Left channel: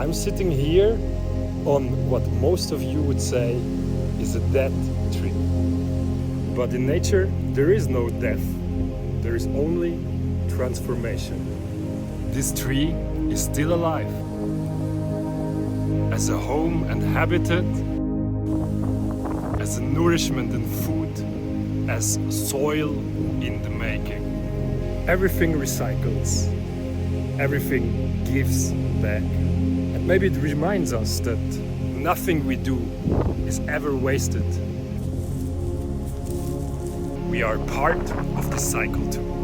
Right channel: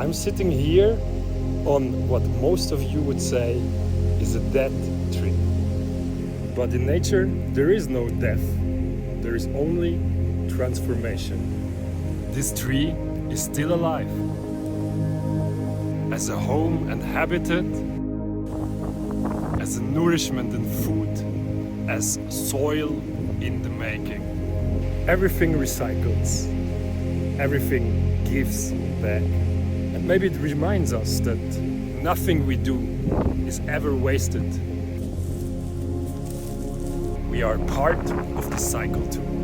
I'm sitting here on what most of you would say is a dead tree. But in nature, there is no death. There is only transformation. This tree is still alive. As a home and habitat, as a nourishment and food, as soil in the making. Everything recycles. Everything gives back. And maybe it reminds us that nothing we do is ever wasted. We are part of the cycle too.